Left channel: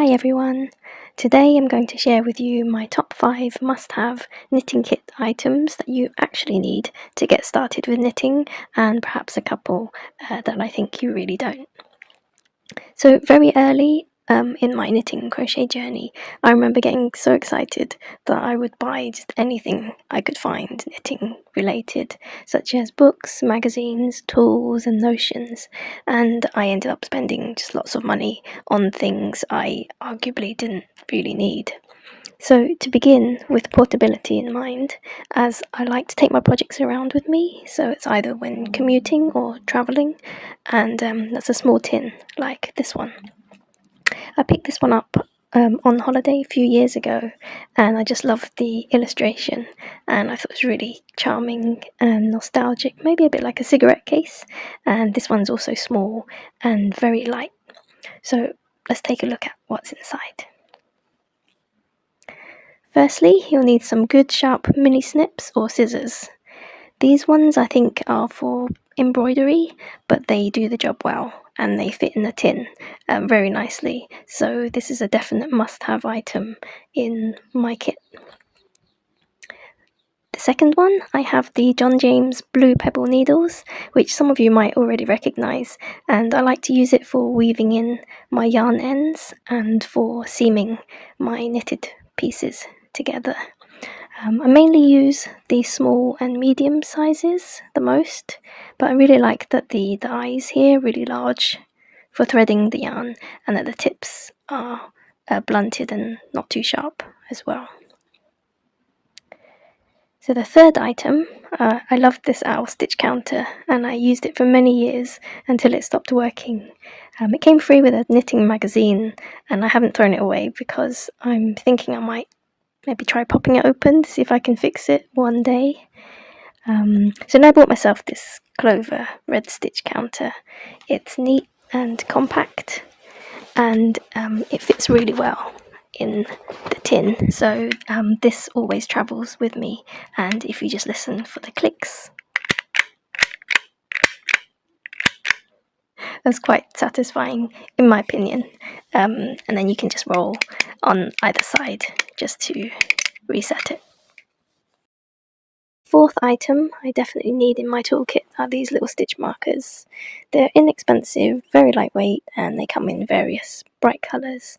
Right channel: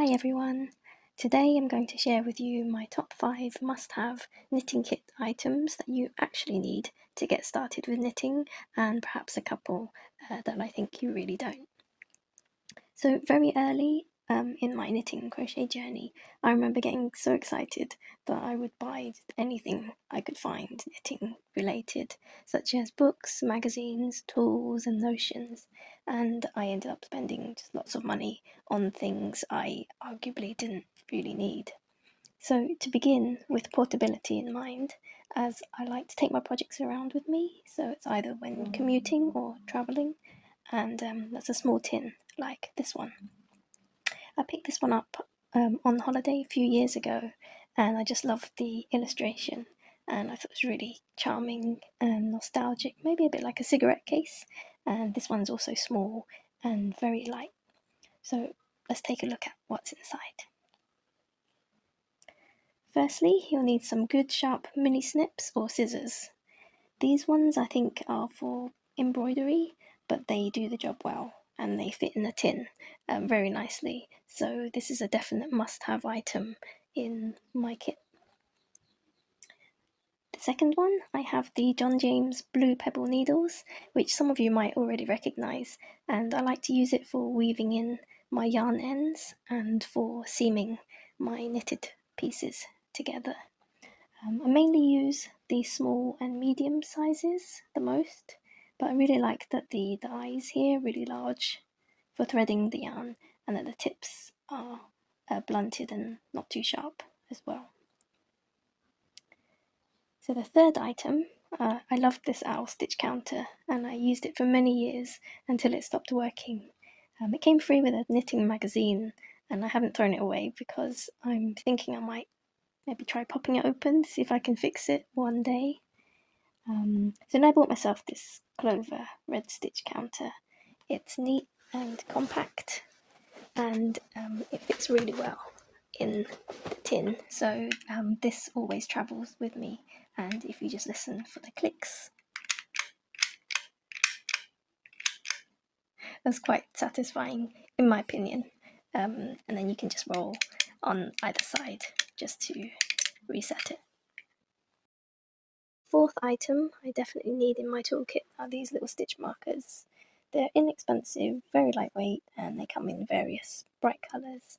Hi everyone! Today I'm going to share with you my top 5 must-have knitting kit items that you actually need to get started with knitting, and perhaps a couple that I think you really don't. So very early in my knitting and crochet journey, I remember getting so excited that I would buy just anything I could find knitting related, such as books, magazines, tools and notions, and I ended up spending just lots of money on things I arguably didn't really need. So to begin, with portability in mind, as I like to take my projects around with me, so it's either when commuting or travelling, and that's a small tin like this one. I picked this one up on holiday a few years ago, and I just loved the illustration, and I thought it was really charming and nostalgic, maybe a bit like a cigarette case, and this one's also small and very light. So let's take a look at what's inside. Firstly, you'll need some good sharp mini snips or scissors. These ones I think are for embroidery, but they do the job well and they fit in the tin very nicely, so this is a definite must-have item in my kit. The second one, I have the John James blue pebble needles, which some of you might already recognise, and I like to use it for weaving in my yarn ends and for seaming my knitted pieces together. I mainly use the small and medium sizes the most, but I really like that the eyes here are really large for threading the yarn, and that the tips are blunted and not too sharp as well. So the third item, I loved this owl stitch counter, and I used it for many years until it stopped working. It came free with a knitting magazine, and I haven't thrown it away because I'm thinking I might maybe try popping it open to see if I can fix it one day. So now I bought myself this Clover red stitch counter. It's neat and compact, and it fits really well in the tin, so this always travels with me, and if you just listen for the clicks, that's quite satisfying in my opinion, and then you can just roll on either side just to reset it. Fourth item I definitely need in my toolkit are these little stitch markers. They're inexpensive, very lightweight, and they come in various bright colours.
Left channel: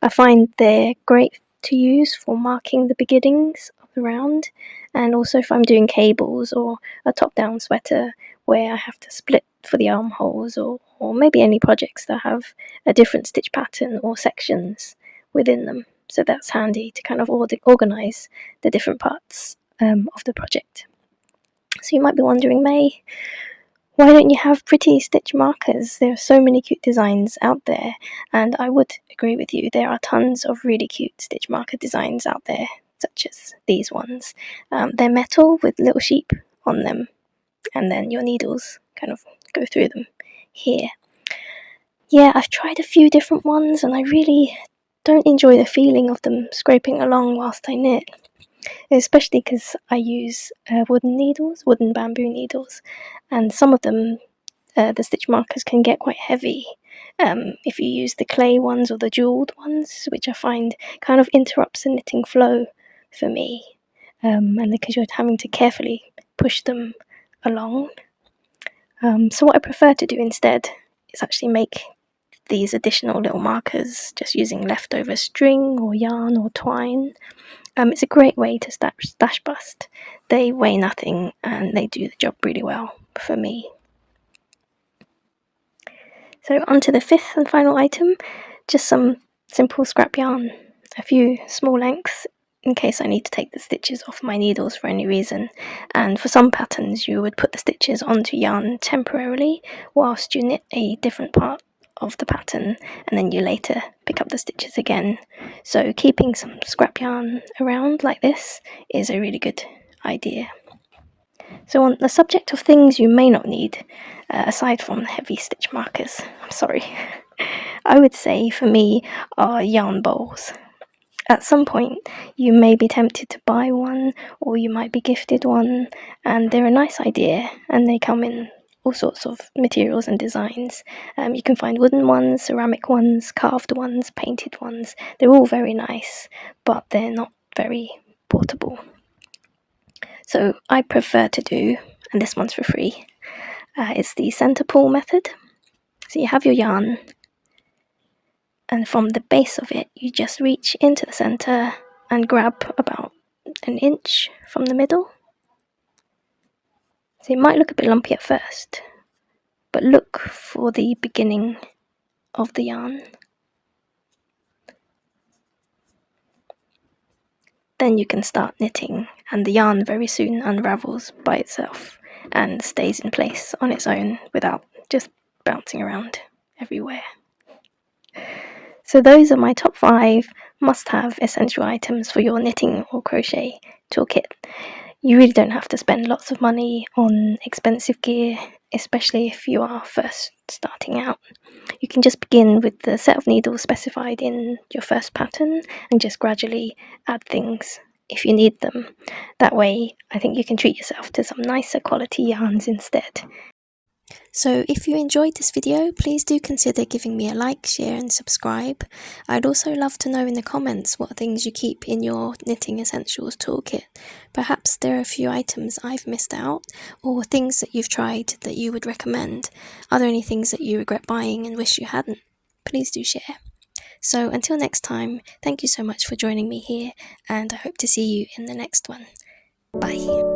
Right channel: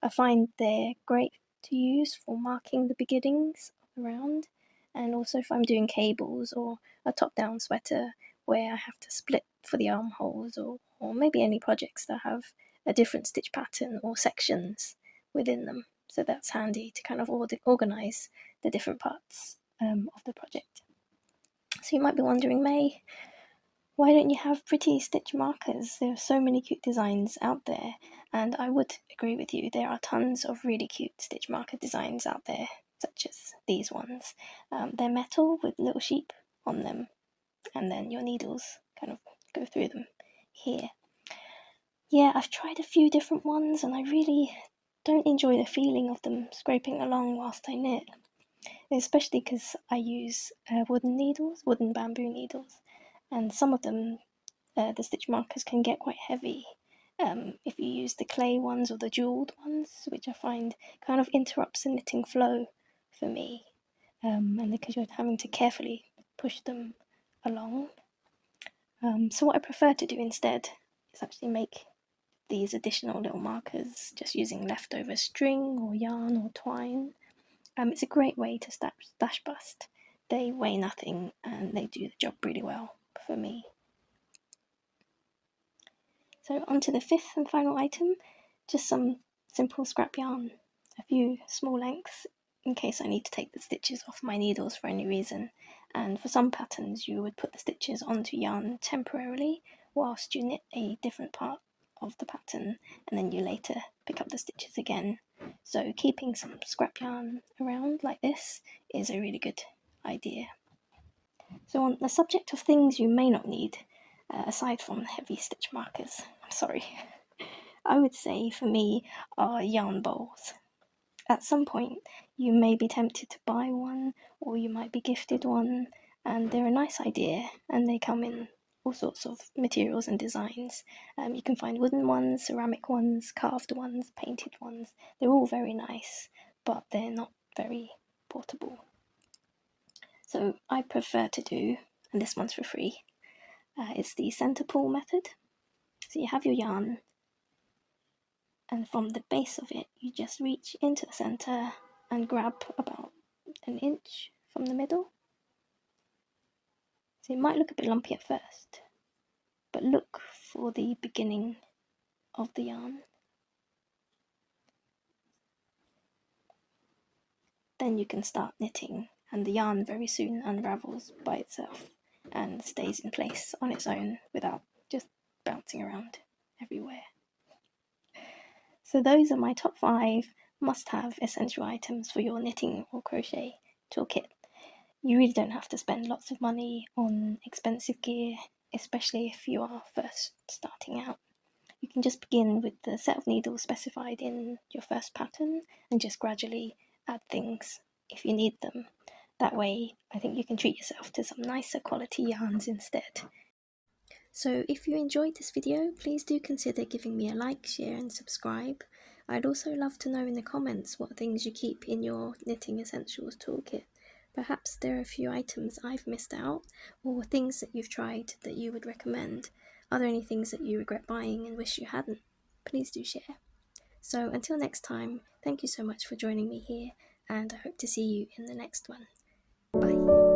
I find they're great to use for marking the beginnings of the round, and also if I'm doing cables or a top-down sweater where I have to split for the armholes, or maybe any projects that have a different stitch pattern or sections within them. So that's handy to kind of organise the different parts of the project. So you might be wondering, May, why don't you have pretty stitch markers? There are so many cute designs out there, and I would agree with you, there are tons of really cute stitch marker designs out there, such as these ones. They're metal with little sheep on them, and then your needles kind of go through them here. Yeah, I've tried a few different ones, and I really don't enjoy the feeling of them scraping along whilst I knit, especially because I use wooden bamboo needles, and some of them, the stitch markers can get quite heavy if you use the clay ones or the jewelled ones, which I find kind of interrupts the knitting flow for me, and because you're having to carefully push them along. So what I prefer to do instead is actually make these additional little markers just using leftover string or yarn or twine. It's a great way to stash bust. They weigh nothing and they do the job really well for me. So on to the fifth and final item, just some simple scrap yarn, a few small lengths in case I need to take the stitches off my needles for any reason, and for some patterns you would put the stitches onto yarn temporarily whilst you knit a different part of the pattern, and then you later pick up the stitches again. So keeping some scrap yarn around like this is a really good idea. So on the subject of things you may not need, aside from heavy stitch markers, I'm sorry, I would say for me are yarn bowls. At some point you may be tempted to buy one, or you might be gifted one, and they're a nice idea, and they come in all sorts of materials and designs. You can find wooden ones, ceramic ones, carved ones, painted ones. They're all very nice, but they're not very portable. So I prefer to do, and this one's for free, it's the center pull method. So you have your yarn, and from the base of it, you just reach into the center and grab about an inch from the middle. So it might look a bit lumpy at first, but look for the beginning of the yarn. Then you can start knitting, and the yarn very soon unravels by itself and stays in place on its own without just bouncing around everywhere. So those are my top 5 must-have essential items for your knitting or crochet toolkit. You really don't have to spend lots of money on expensive gear, especially if you are first starting out. You can just begin with the set of needles specified in your first pattern and just gradually add things if you need them. That way, I think you can treat yourself to some nicer quality yarns instead. So if you enjoyed this video, please do consider giving me a like, share and subscribe. I'd also love to know in the comments what things you keep in your Knitting Essentials toolkit. Perhaps there are a few items I've missed out, or things that you've tried that you would recommend. Are there any things that you regret buying and wish you hadn't? Please do share. So until next time, thank you so much for joining me here, and I hope to see you in the next one. Bye.